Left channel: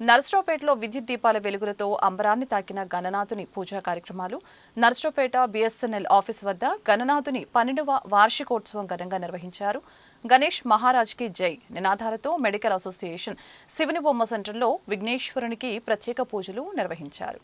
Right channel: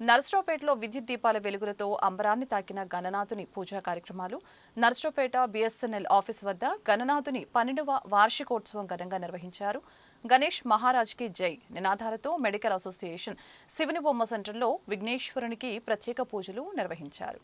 నర్సరావుపేటలో విద్యుత్ దీపాల వెలుగులతో అంబరాన్ని తాకిన గణనాథుని పూజా కార్యక్రమాలు. నర్సరావుపేట బిఎస్ఎన్ఎల్ ఆఫీస్ వద్ద గణనాథుని 12వ వార్షికోత్సవం ఘనంగా నిర్వహించారు. గణేష్ మహారాజ్కి జై నినాదాలతో మెడికల్ అసోసియేషన్ శివునిబొమ్మ సెంటర్లో విఘ్నేశ్వరునికి ప్రత్యేక పూజలు నిర్వహించారు.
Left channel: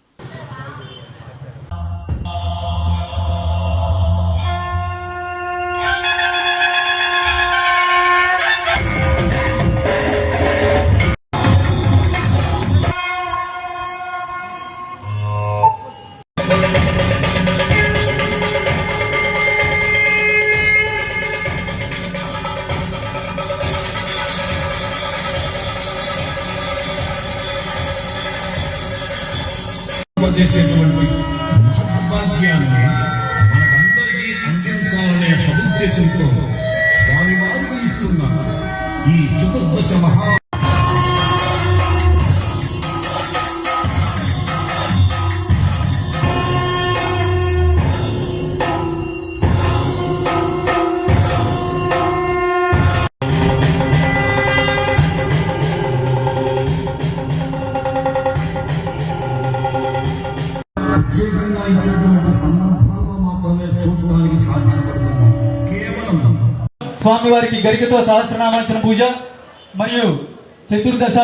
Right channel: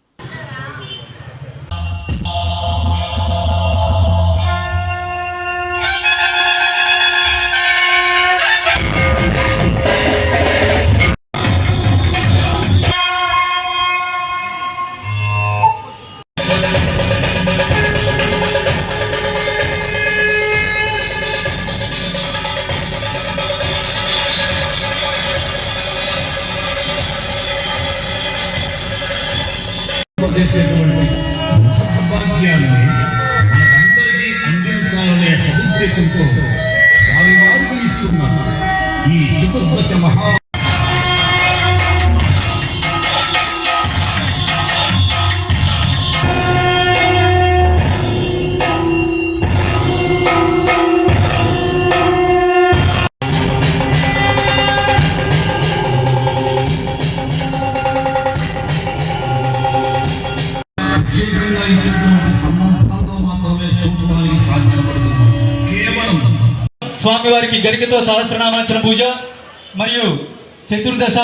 చేసేటువంటి మహాభాగ్యాన్ని మనకందరికీ అందించాలనే సదుద్దేశంతో స్వామివారికి ఇస్తున్న ఈ చతుర్దశ మహా స్వామివారికి గరికతో సహస్రనామార్చన పూజ మరియు చతుర్దశ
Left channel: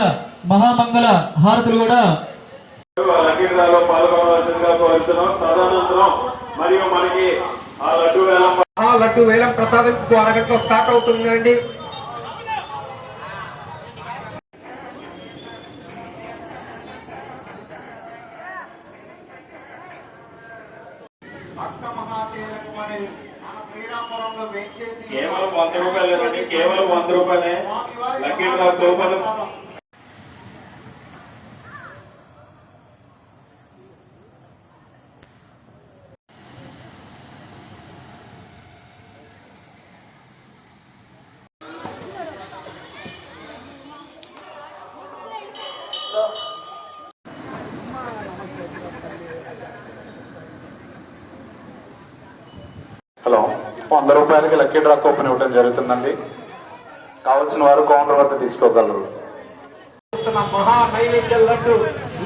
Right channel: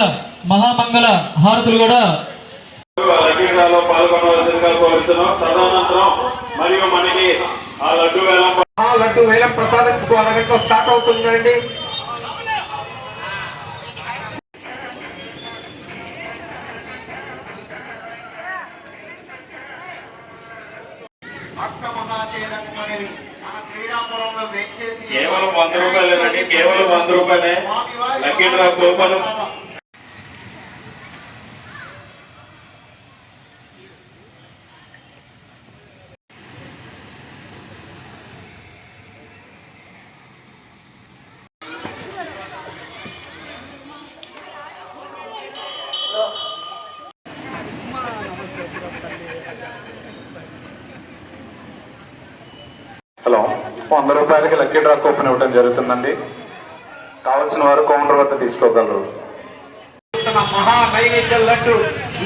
మహామంగళ హారతులు కూడా లడ్డు వేలం ప్రసాదం అరగంటలో స్టార్ట్ అవుతుందండి. కేవలం 100 రూపాయలేనండి, కేవలం 100 రూపాయలే. లక్కీ డ్రా కూపన్ హలో, 100 రూపాయలకి లక్కీ డ్రా కూపన్ ఇవ్వడం జరుగుతుందండి. కావాల్సిన వారు కౌంటర్ వద్ద తీసుకోగలరు. మహా నైవేద్య లడ్డు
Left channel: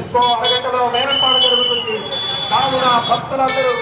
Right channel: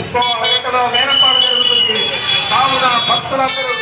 ఇంకో అరగంటలో వేలంపాట జరుగుతుంది. కావున భక్తులందరూ